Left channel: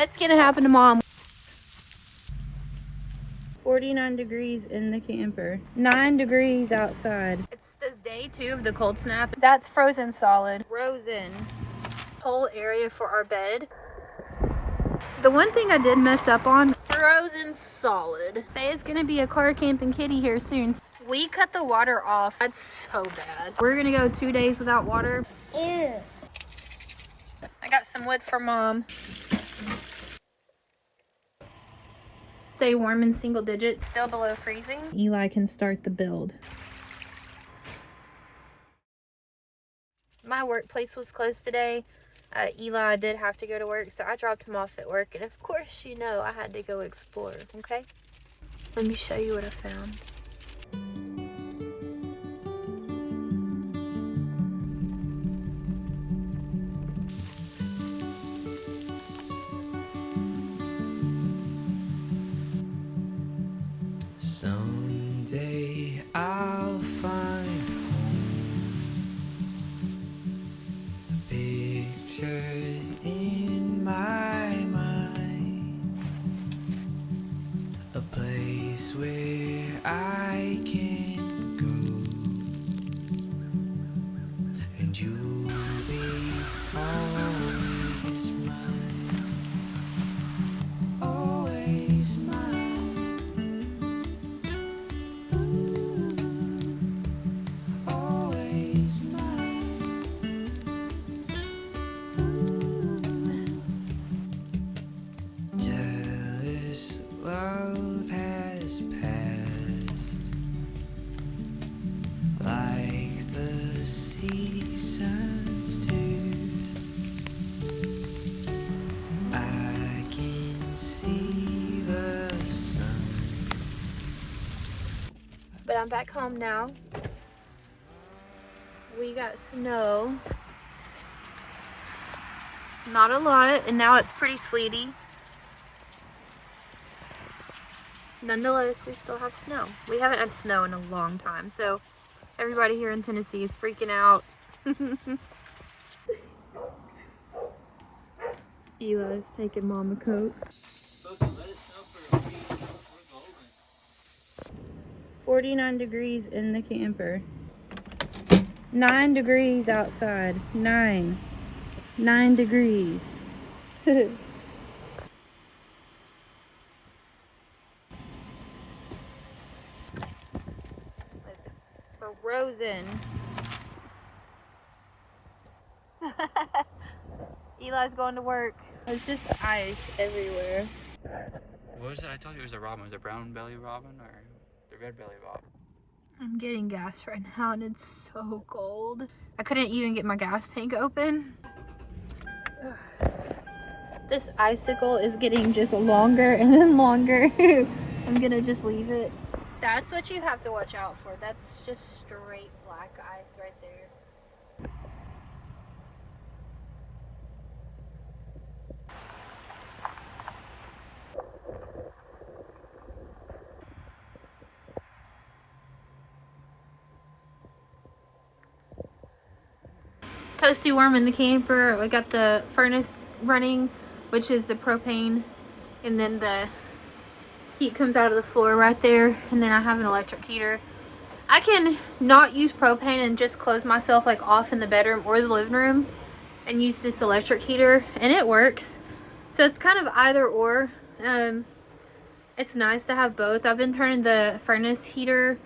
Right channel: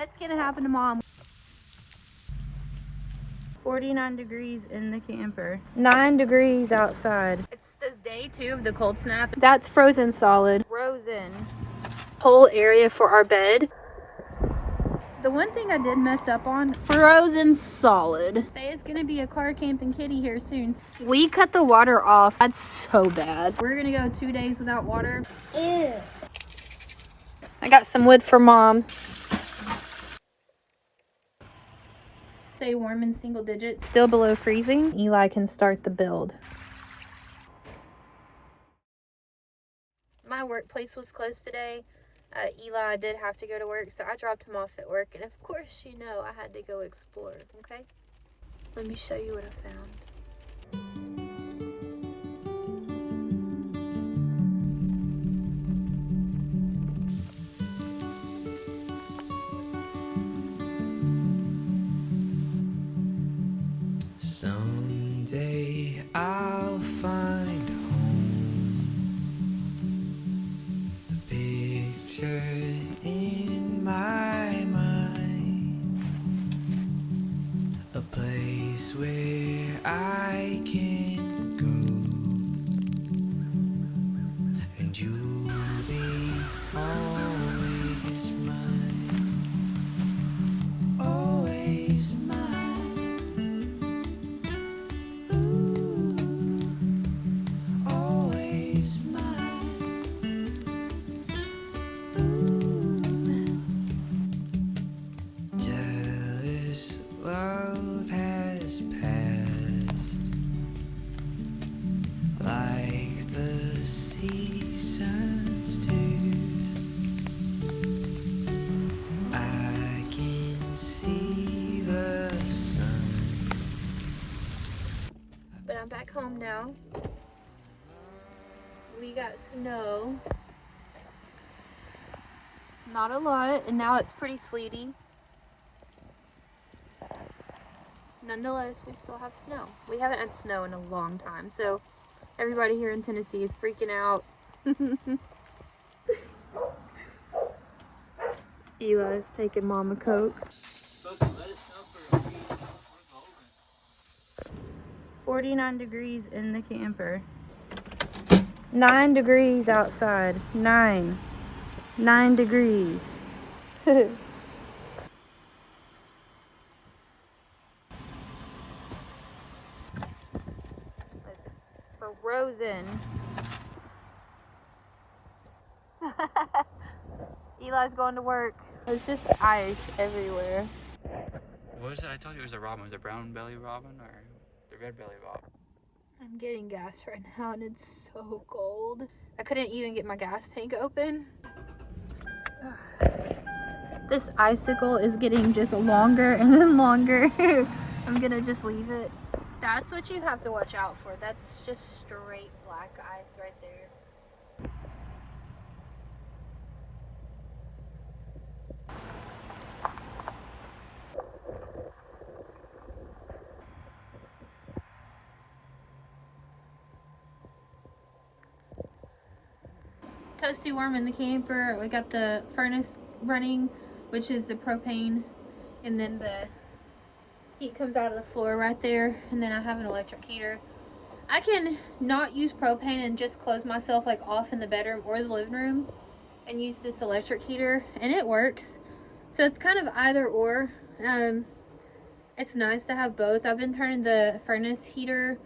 What's gonna happen to Mom? 49 degrees in the camper. 9 degrees outside. It's the day 2 of the cold snap. That's frozen solid. Frozen. Whole area for our bed. The one thing I did mess up on, frozen solid. Say it's gonna be a car camping kitty here soon. We cut the water off. That's so bad. We're gonna go 2 days without water. Ew. I got some wood for Mom. Stay warm in single digits, still below freezing. Eli can start the build. My workplace was closed today. Eli did have to go to work, so I dropped him off at work. And of course, you know, I had to go explore, okay? Let me show you what I found. Someday I'll find home. The picture in my mind, a place where I can go, and you'll be always mine, always mine. Jealous love has passed, like the seasons do. I can see the sun. But I'm back home now. We got snow. Not a lot, and now it's pretty sleety. Nonetheless, we still have snow. We haven't had snow in a long time, so everybody here in Tennessee is freaking out. Eli's taking Mom a Coke. 49 degrees in the camper. 9 degrees outside. 9 degrees. Frozen. Eli's going to work. There's just ice everywhere. What was it? I told you it was a robin. Was it brown belly robin or the red belly robin? I'm getting gas right now and it's so cold. I couldn't even get my gas tank open. This icicle is getting just longer and then longer. I'm gonna just leave it. That's what you have to watch out for. That's just straight black ice right there. Toasty warm in the camper. We got the furnace running, which is the propane, and then the heat comes out of the floor right there, and then I have an electric heater. I can not use propane and just close myself like off in the bedroom or the living room and use this electric heater, and it works. So it's kind of either or. It's nice to have both. I've been turning the furnace heater,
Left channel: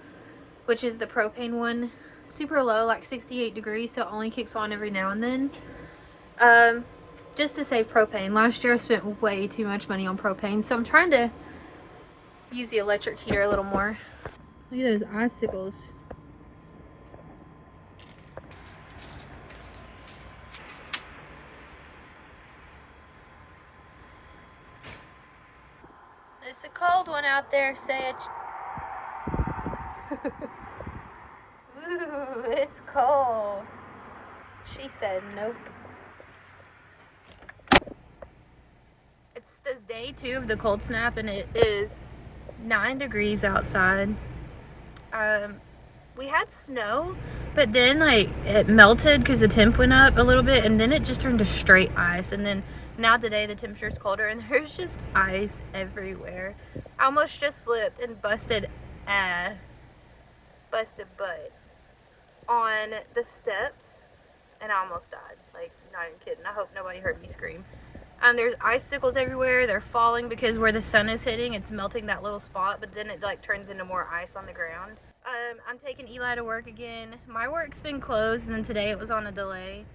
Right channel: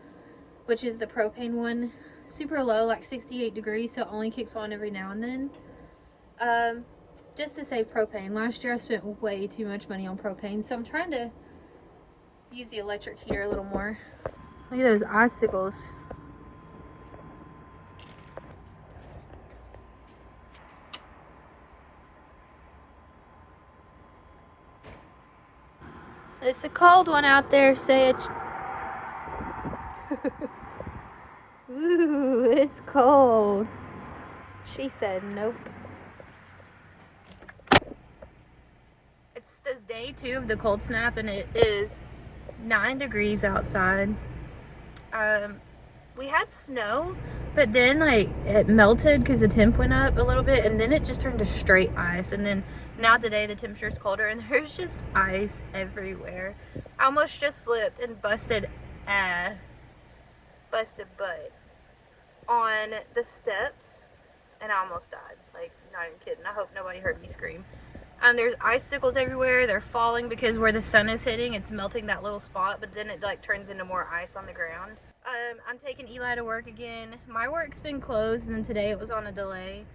which is the propane one, super low, like 68 degrees, so it only kicks on every now and then, just to save propane. Last year I spent way too much money on propane, so I'm trying to use the electric heater a little more. Look at those icicles. It's a cold one out there, say it. Ooh, it's cold. She said nope. It's the day 2 of the cold snap and it is 9 degrees outside. We had snow, but then like it melted because the temp went up a little bit, and then it just turned to straight ice, and then Now today the temperature's colder and there's just ice everywhere. I almost just slipped and busted butt on the steps and I almost died. Like, not even kidding. I hope nobody heard me scream. There's icicles everywhere. They're falling because where the sun is hitting, it's melting that little spot, but then it like turns into more ice on the ground. I'm taking Eli to work again. My work's been closed and then today it was on a delay.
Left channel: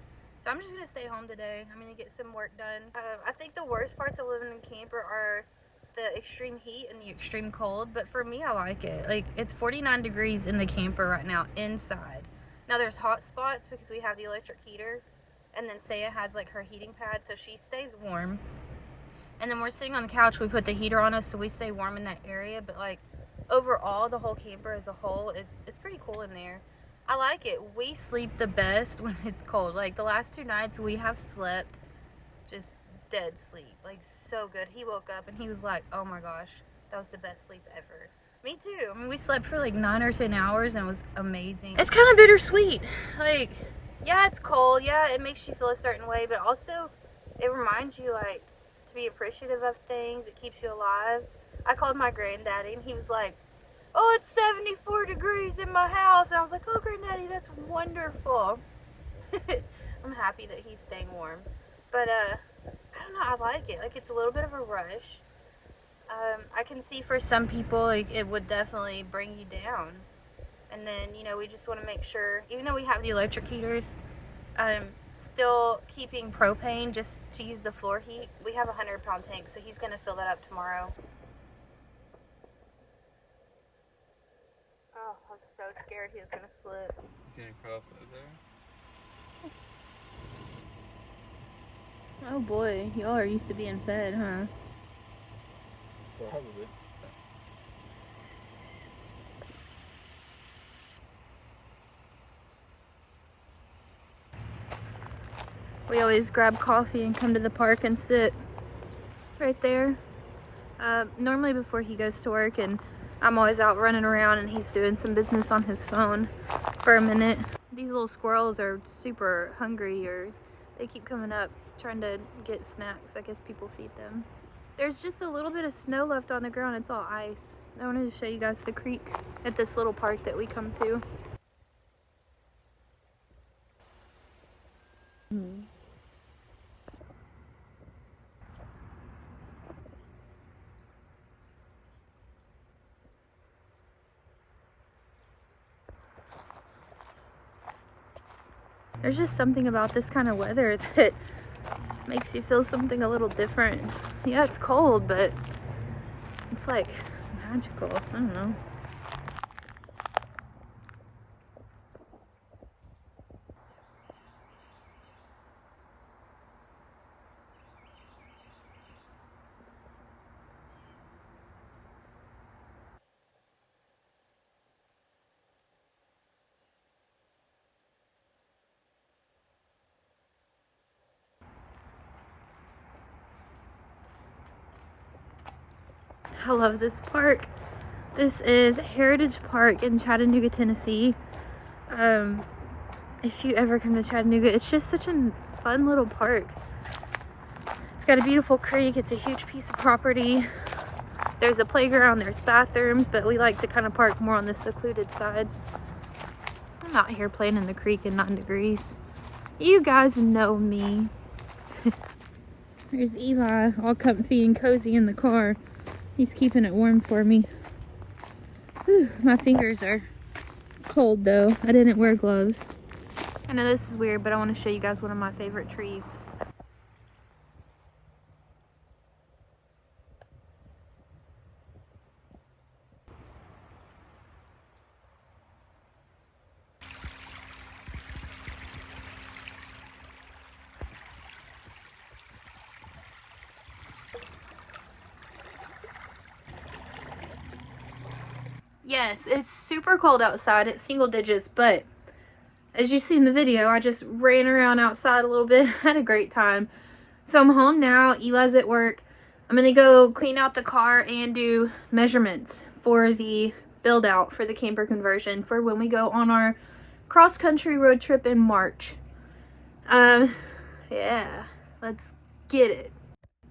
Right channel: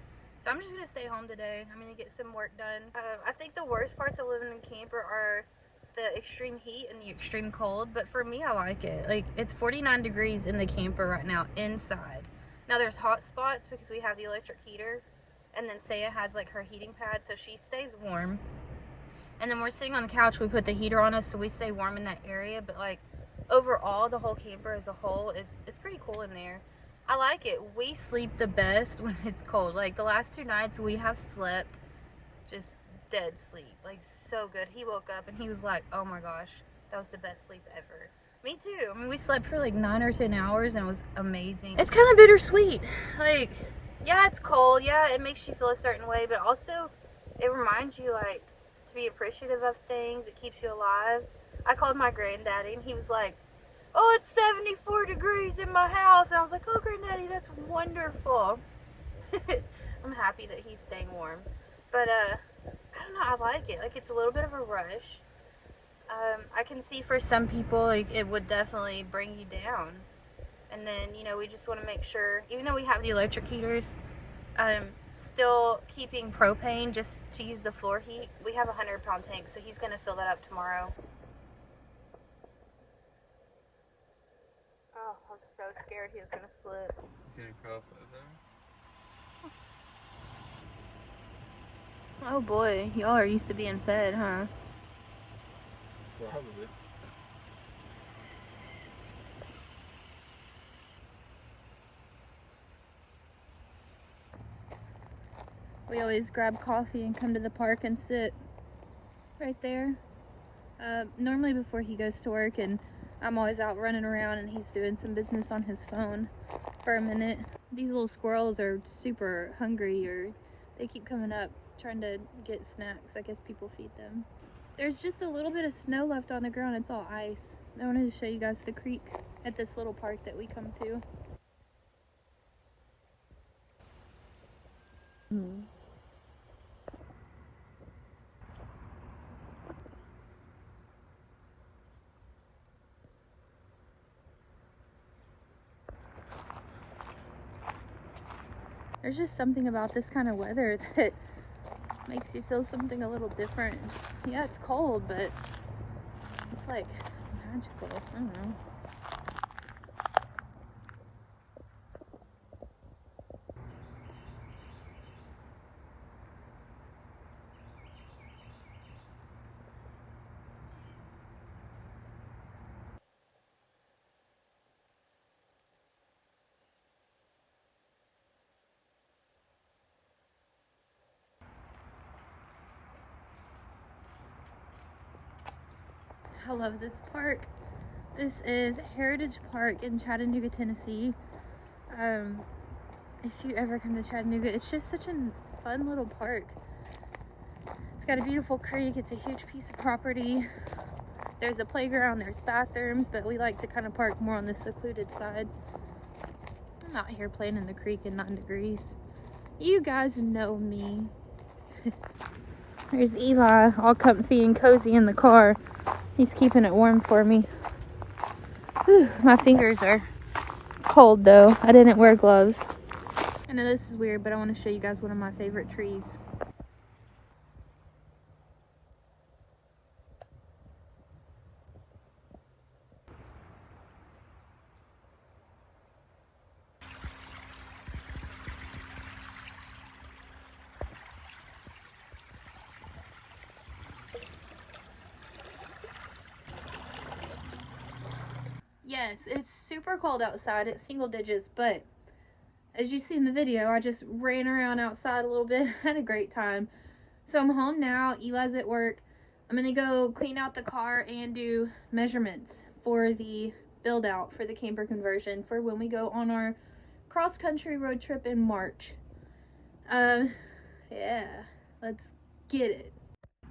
So I'm just gonna stay home today. I'm gonna get some work done. I think the worst parts of living in camper are the extreme heat and the extreme cold, but for me, I like it. Like, it's 49 degrees in the camper right now inside. Now there's hot spots because we have the electric heater, and then Saya has like her heating pad, so she stays warm. And then we're sitting on the couch, we put the heater on us so we stay warm in that area, but like overall the whole camper as a whole it's pretty cool in there. I like it. We sleep the best when it's cold. Like the last 2 nights we have slept just dead sleep, like so good. He woke up and he was like, oh my gosh, that was the best sleep ever. Me too. I mean, we slept for like 9 or 10 hours and it was amazing. It's kind of bittersweet. Like, yeah, it's cold. Yeah, it makes you feel a certain way, but also it reminds you like to be appreciative of things. It keeps you alive. I called my granddaddy and he was like, oh, it's 74 degrees in my house. And I was like, oh, granddaddy, that's wonderful. I'm happy that he's staying warm. But, I don't know, I like it. Like, it's a little bit of a rush. I can see for some people, like, it would definitely bring you down. And then, you know, we just want to make sure, even though we have the electric heaters, still keeping propane just to use the floor heat. We have a 100-pound tank, so he's going to fill that up tomorrow. Oh, I was so scared he was going to slip. He's gonna curl up there. Oh boy, y'all are used to being fed, huh? Probably. We always grab coffee and come to the park and sit right there. Normally before he goes to work, and I'm always out running around and he's doing some business on his phone for a minute. These little squirrels are super hungry, or they keep coming up trying to get snacks. I guess people feed them. There's just a little bit of snow left on the ground. It's all ice. I wanted to show you guys the creek at this little park that we come to. There's just something about this kind of weather that makes you feel something a little different. Yeah, it's cold, but it's like magical. I don't know. I love this park. This is Heritage Park in Chattanooga, Tennessee. If you ever come to Chattanooga, it's just such a fun little park. It's got a beautiful creek. It's a huge piece of property. There's a playground, there's bathrooms, but we like to kind of park more on the secluded side. I'm out here playing in the creek in 9 degrees. You guys know me. There's Eli, all comfy and cozy in the car. He's keeping it warm for me. Whew, my fingers are cold though. I didn't wear gloves. I know this is weird, but I want to show you guys one of my favorite trees. Yes, it's super cold outside. It's single digits, but as you see in the video, I just ran around outside a little bit. Had a great time. So I'm home now. Eli's at work. I'm gonna go clean out the car and do measurements for the build out for the camper conversion for when we go on our cross country road trip in March. Yeah, let's get it.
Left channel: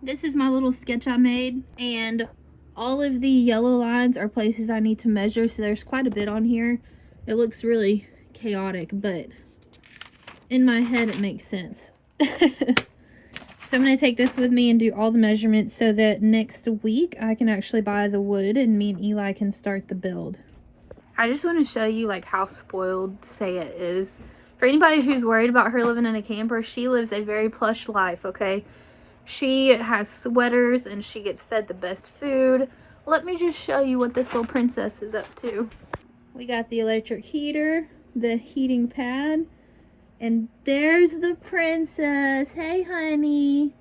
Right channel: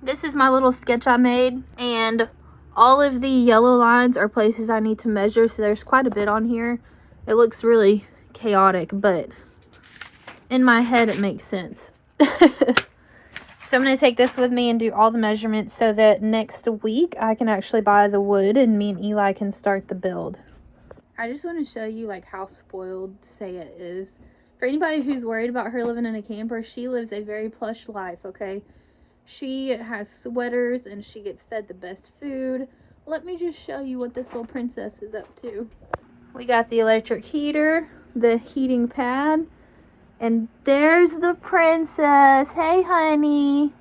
This is my little sketch I made, and all of the yellow lines are places I need to measure, so there's quite a bit on here. It looks really chaotic, but in my head it makes sense. So I'm going to take this with me and do all the measurements so that next week I can actually buy the wood and me and Eli can start the build. I just want to show you like how spoiled Saya is. For anybody who's worried about her living in a camper, she lives a very plush life, okay? She has sweaters and she gets fed the best food. Let me just show you what this little princess is up to. We got the electric heater, the heating pad, and there's the princess. Hey, honey.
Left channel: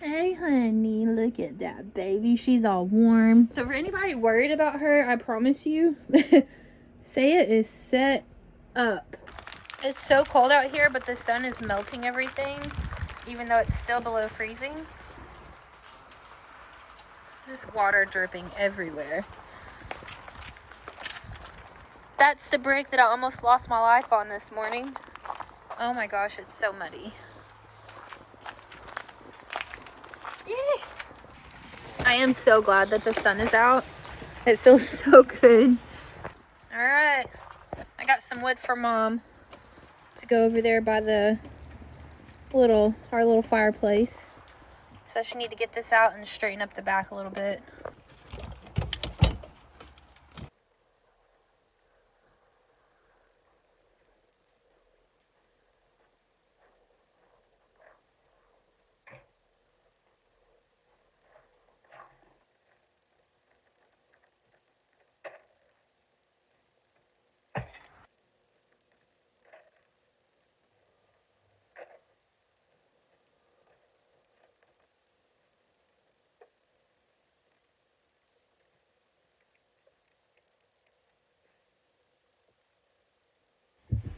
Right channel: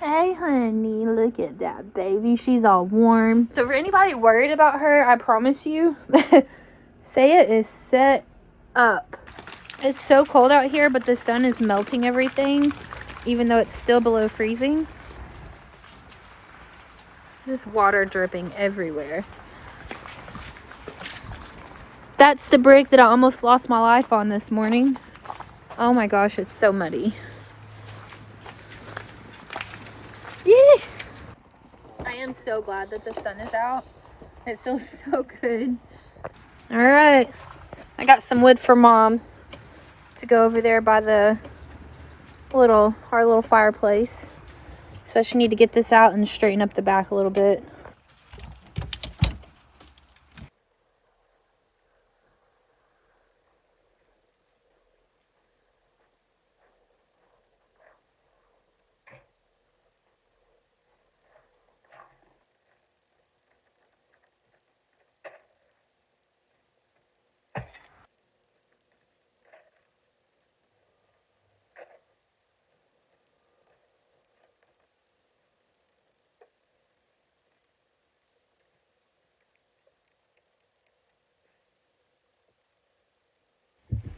Hey, honey. Look at that baby. She's all warm. So for anybody worried about her, I promise you, Saya is set up. It's so cold out here, but the sun is melting everything, even though it's still below freezing. Just water dripping everywhere. That's the brick that I almost lost my life on this morning. Oh my gosh, it's so muddy. Yee! I am so glad that the sun is out. It feels so good. All right, I got some wood for Mom to go over there by the our little fireplace. So she need to get this out and straighten up the back a little bit.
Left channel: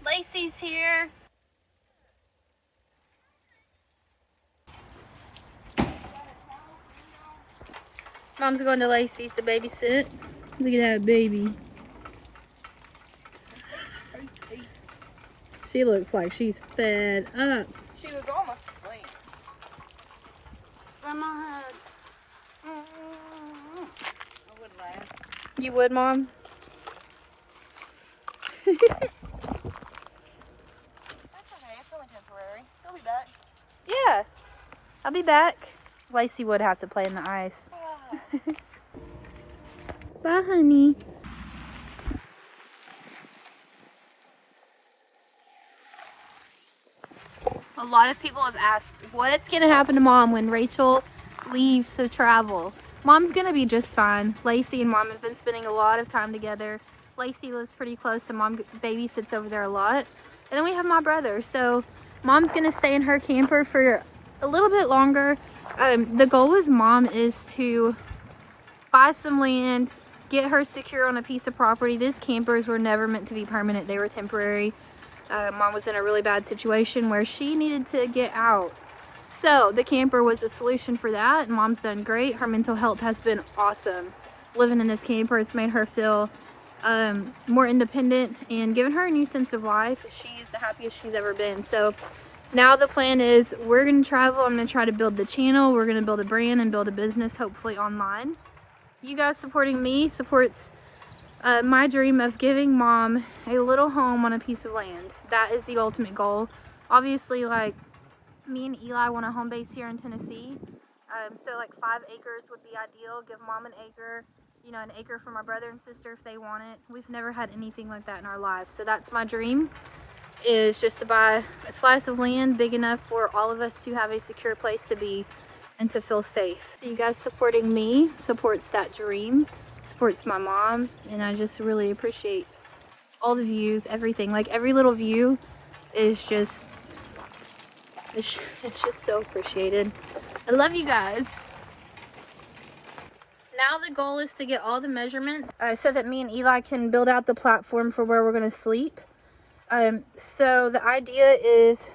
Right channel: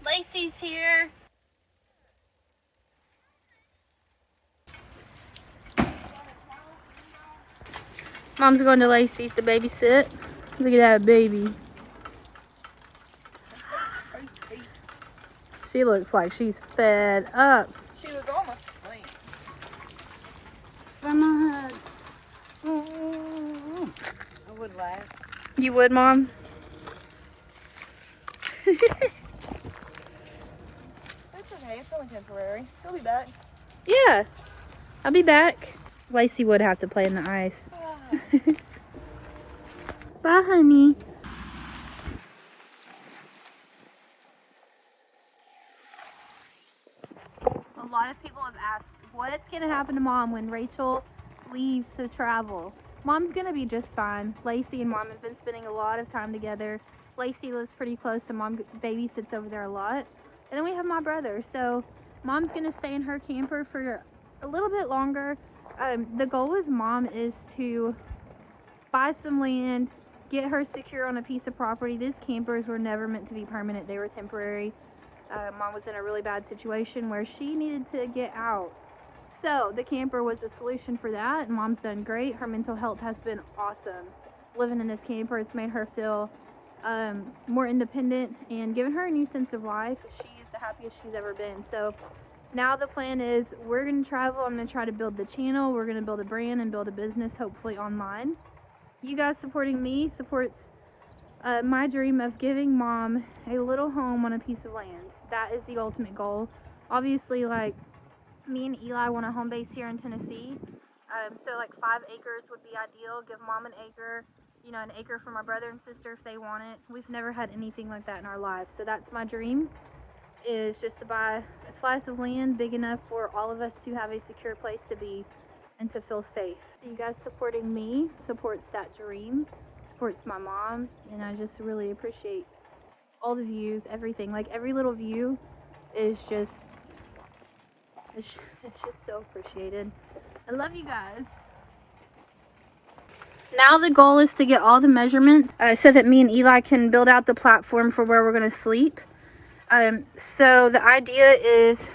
Lacey's here. Mom's going to Lacey's to babysit. Look at that baby. She looks like she's fed up. She was almost asleep. Grandma had. I would laugh. You would, Mom? That's okay. It's only temporary. He'll be back. Yeah. I'll be back. Lacey would have to play in the ice. Bye, honey. A lot of people have asked what's going to happen to Mom when Rachel leaves to travel. Mom's going to be just fine. Lacey and Mom have been spending a lot of time together. Lacey lives pretty close, so Mom babysits over there a lot. And then we have my brother. So Mom's going to stay in her camper for a little bit longer. The goal with Mom is to buy some land, get her secure on a piece of property. These campers were never meant to be permanent. They were temporary. Mom was in a really bad situation where she needed to get out. So the camper was a solution for that. Mom's done great. Her mental health has been awesome. Living in this camper, it's made her feel more independent and given her a new sense of life. She's the happiest she's ever been. So now the plan is we're going to travel. I'm going to try to build the channel. We're going to build a brand and build a business, hopefully online. You guys supporting me supports my dream of giving Mom a little home on a piece of land. That is the ultimate goal. Obviously, like, me and Eli want a home base here in Tennessee. So like 5 acres would be ideal. Give Mom an acre, you know, an acre for my brother and sister if they want it. We've never had anything like that in our lives. So that's my dream, is just to buy a slice of land big enough for all of us to have a secure place to be and to feel safe. So you guys supporting me supports that dream, supports my mom, and I just really appreciate all the views, everything. Like every little view is just, it's just so appreciated. I love you guys. Now the goal is to get all the measurements so that me and Eli can build out the platform for where we're going to sleep. So the idea is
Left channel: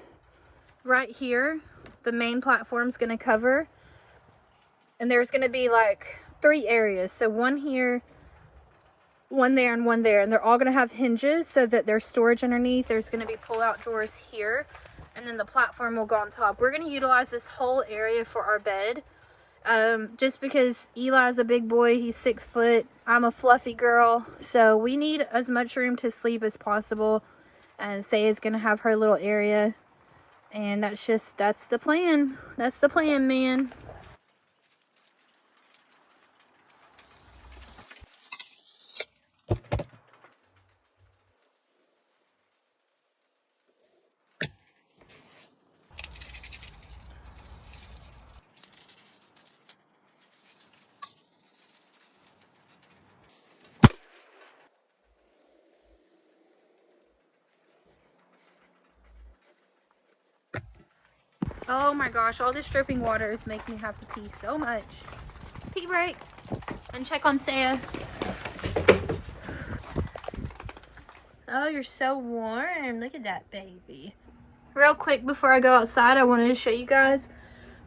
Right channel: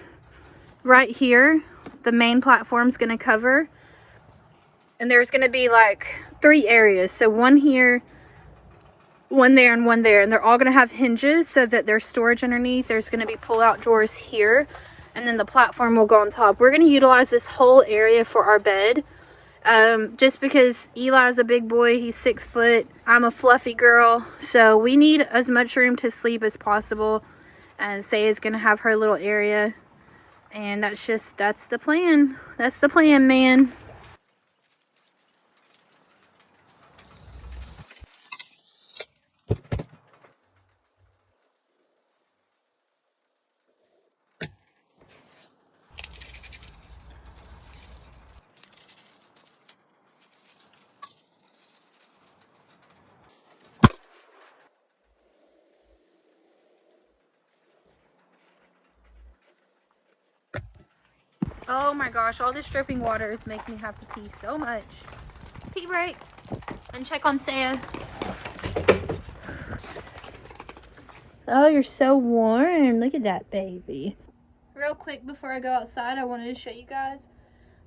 right here, the main platform's going to cover, and there's going to be like 3 areas. So one here, one there, and one there, and they're all going to have hinges so that there's storage underneath. There's going to be pull-out drawers here. and then the platform will go on top. We're going to utilize this whole area for our bed. Just because Eli's a big boy, he's 6 foot, I'm a fluffy girl, so we need as much room to sleep as possible. And Saya's gonna have her little area, and that's the plan. That's the plan, man. Oh my gosh, all this dripping water is making me have to pee so much. Pee break. And check on Saya. Oh, you're so warm. Look at that baby. Real quick before I go outside, I wanted to show you guys.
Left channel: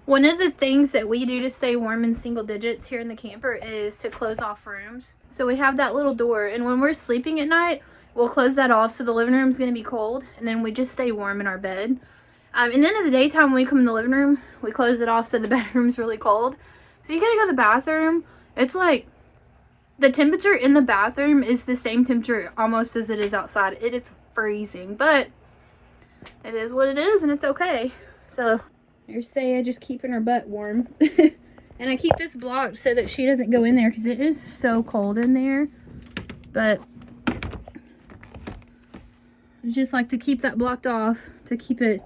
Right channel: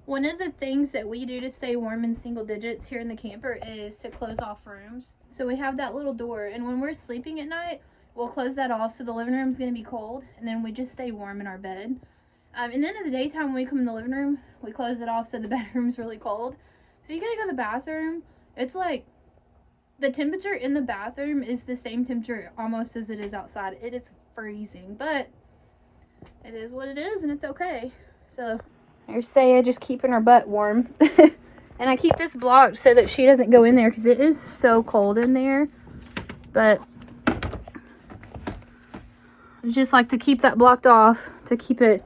One of the things that we do to stay warm in single digits here in the camper is to close off rooms. So we have that little door, and when we're sleeping at night, we'll close that off so the living room is going to be cold, and then we just stay warm in our bed. And then in the daytime, when we come in the living room, we close it off so the bedroom's really cold. So you gotta go to the bathroom. It's like, the temperature in the bathroom is the same temperature almost as it is outside. It is freezing, but it is what it is, and it's okay. So, there's Saya just keeping her butt warm. And I keep this blocked so that she doesn't go in there because it is so cold in there. But I just like to keep that blocked off to keep it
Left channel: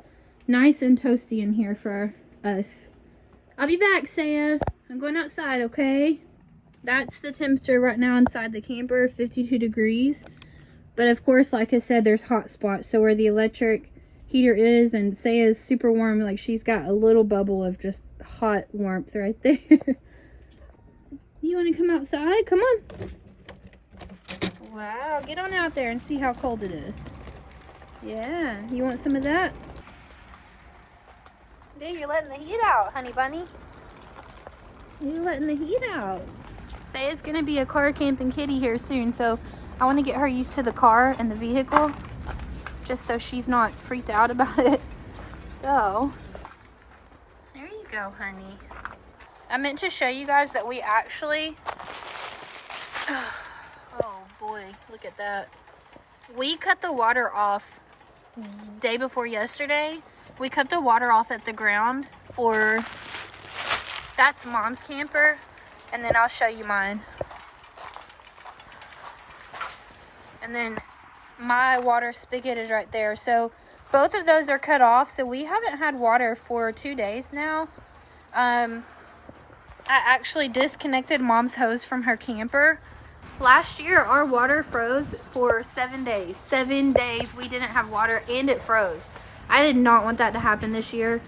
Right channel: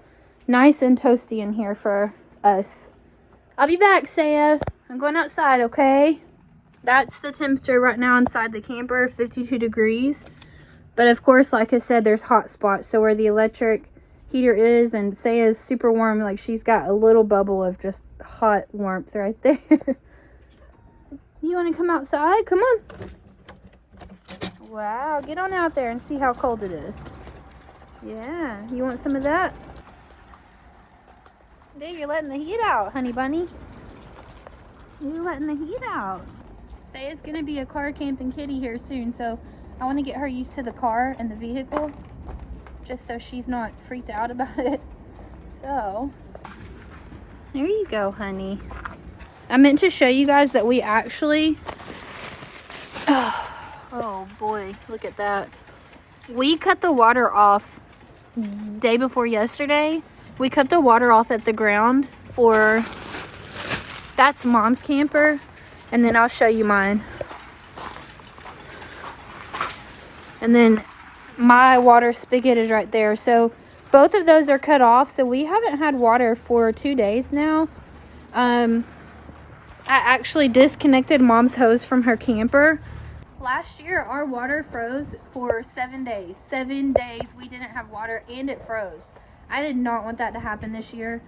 nice and toasty in here for us. I'll be back, Saya. I'm going outside, okay? That's the temperature right now inside the camper, 52 degrees. But of course, like I said, there's hot spots. So where the electric heater is, and Saya's super warm, like she's got a little bubble of just hot warmth right there. You want to come outside? Come on. Wow, get on out there and see how cold it is. Yeah, you want some of that? There, you're letting the heat out, honey bunny. You're letting the heat out. Saya's gonna be a car camping kitty here soon, so I want to get her used to the car and the vehicle, just so she's not freaked out about it. So, there you go, honey. I meant to show you guys that we actually, oh boy, look at that. We cut the water off day before yesterday. We cut the water off at the ground for, that's Mom's camper, and then I'll show you mine. And then my water spigot is right there. So both of those are cut off. So we haven't had water for 2 days now. I actually disconnected Mom's hose from her camper. Last year, our water froze for 7 days. 7 days we didn't have water, and it froze. I did not want that to happen this year.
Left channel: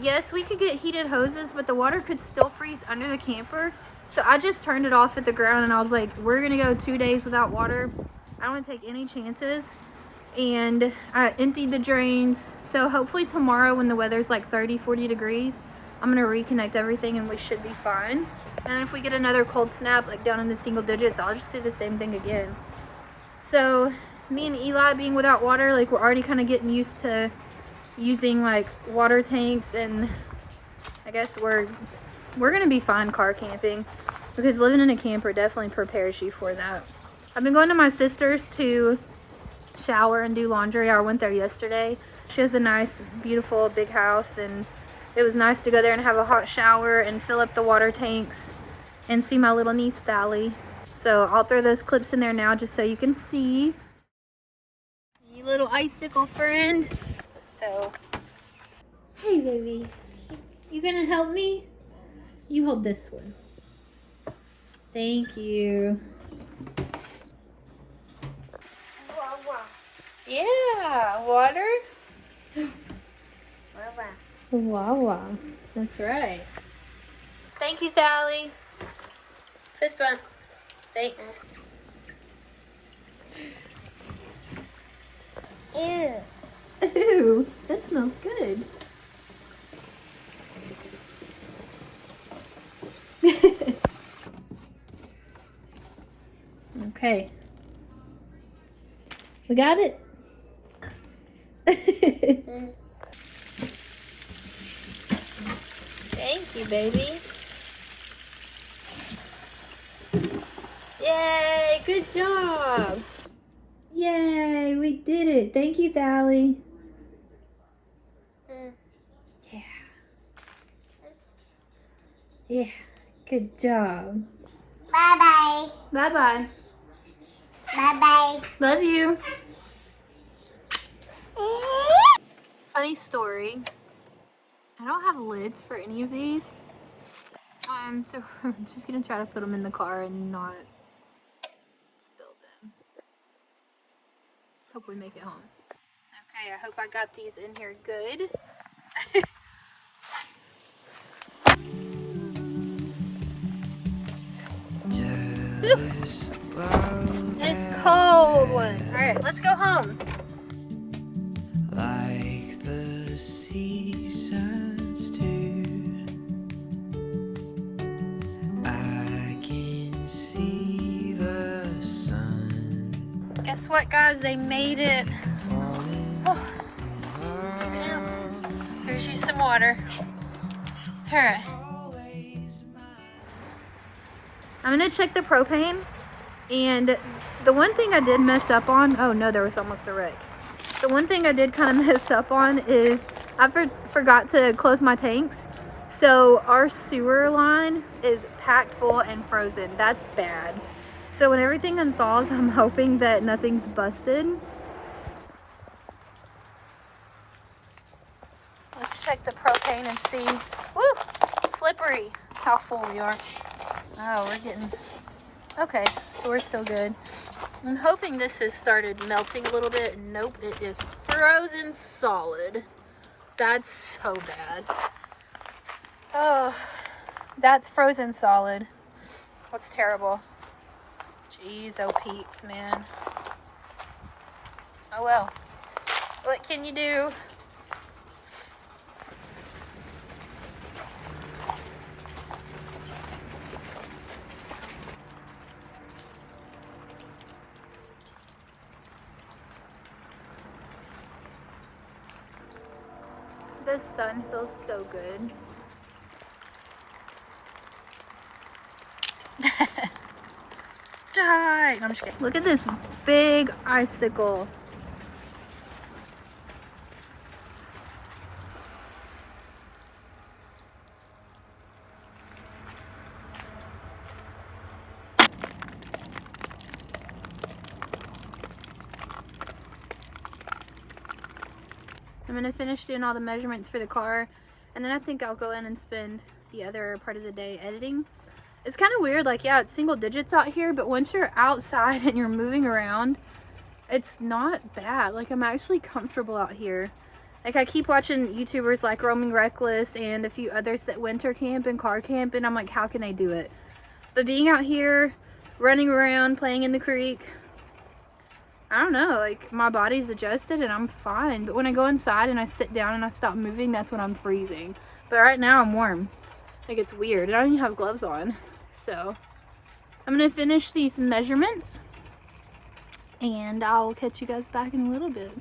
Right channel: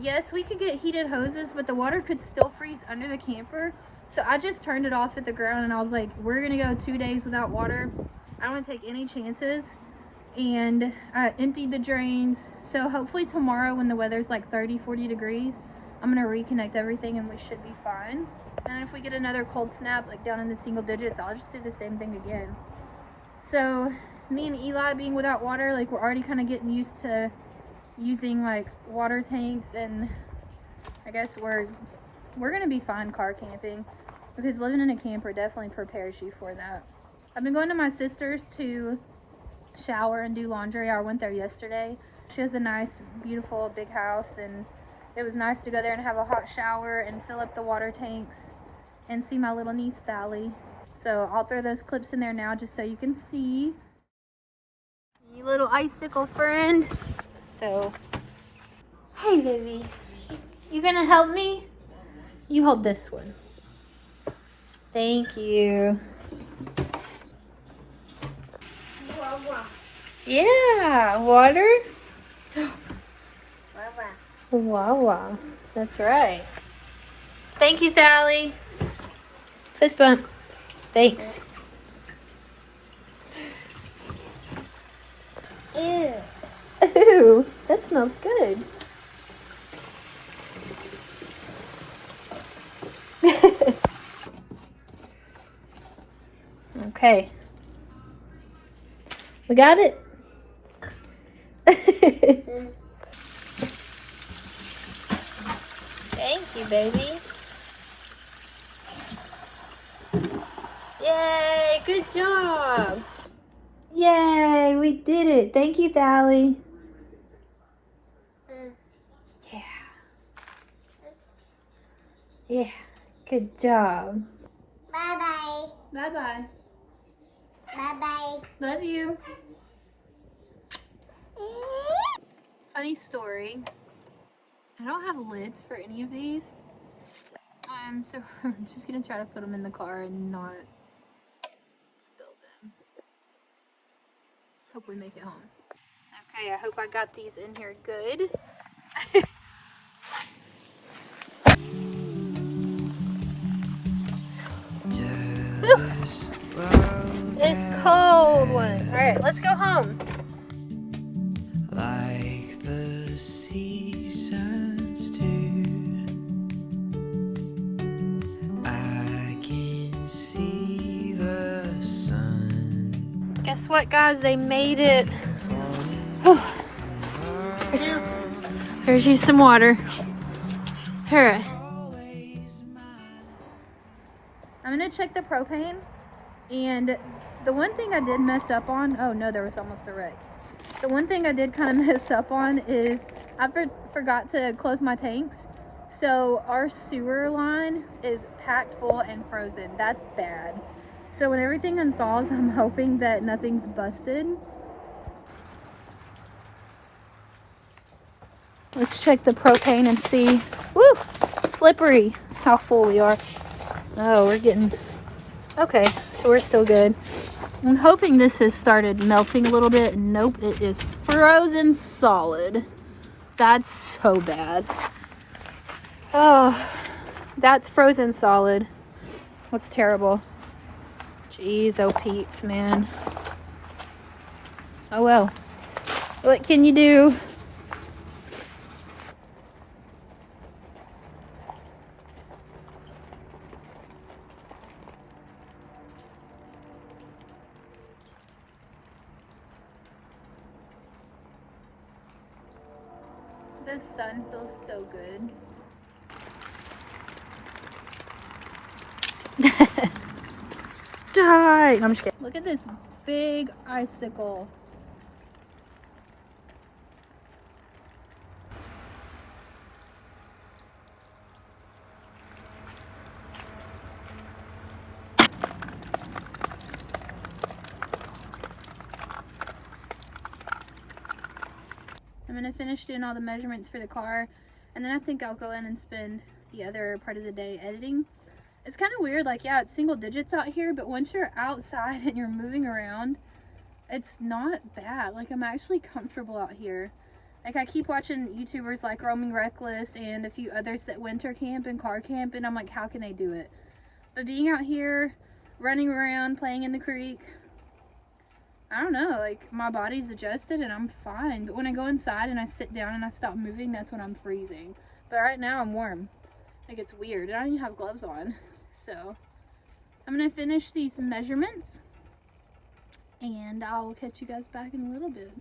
Yes, we could get heated hoses, but the water could still freeze under the camper. So I just turned it off at the ground, and I was like, we're gonna go 2 days without water. I don't want to take any chances. And I emptied the drains. So hopefully tomorrow, when the weather's like 30-40 degrees, I'm gonna reconnect everything and we should be fine. And if we get another cold snap, like down in the single digits, I'll just do the same thing again. So me and Eli being without water, like we're already kind of getting used to using like water tanks, and I guess we're gonna be fine car camping, because living in a camper definitely prepares you for that. I've been going to my sister's to shower and do laundry. I went there yesterday. She has a nice, beautiful, big house, and it was nice to go there and have a hot shower and fill up the water tanks and see my little niece, Sally. So I'll throw those clips in there now just so you can see. You little icicle friend. So, hey baby, you gonna help me? You hold this one. Thank you. Yeah, water. Wawa. That's right. Thank you, Sally. Fist bump. Thanks. Ew. Ooh, that smells good. Okay. We got it. you, baby. Yay, good job. Yay, we did it. Thank you, Dally. Yeah. Yeah, good job. Bye-bye. Bye-bye. Bye-bye. Love you. Funny story. I don't have lids for any of these. So I'm just gonna try to put them in the car and not spill them. Hope we make it home. Okay, I hope I got these in here good. Jealous love It's cold. Alright, let's go home. like the seasons do. I can see the sun Guess what, guys? They made it. falling Oh, in love. here's you some water. Alright. Always mine. I'm gonna check the propane, and the one thing I did mess up on, oh no, there was almost a wreck. The one thing I did kind of mess up on is I forgot to close my tanks. So our sewer line is packed full and frozen. That's bad. So when everything unthaws, I'm hoping that nothing's busted. Let's check the propane and see. Woo! Slippery how full we are. Oh, we're getting... Okay, so we're still good. I'm hoping this has started melting a little bit. Nope, it is frozen solid. That's so bad. Oh, that's frozen solid. That's terrible. Jeez, oh Pete's, man. Oh well. What can you do? The sun feels so good. Die! No, I'm just kidding. Look at this big icicle. I'm gonna finish doing all the measurements for the car, and then I think I'll go in and spend the other part of the day editing. It's kind of weird, like, yeah, it's single digits out here, but once you're outside and you're moving around, it's not bad. Like, I'm actually comfortable out here. Like, I keep watching YouTubers like Roaming Reckless and a few others that winter camp and car camp, and I'm like, how can they do it? But being out here, running around, playing in the creek, I don't know, like, my body's adjusted and I'm fine. But when I go inside and I sit down and I stop moving, that's when I'm freezing. But right now I'm warm. Like, it's weird. I don't even have gloves on. So I'm gonna finish these measurements and I'll catch you guys back in a little bit.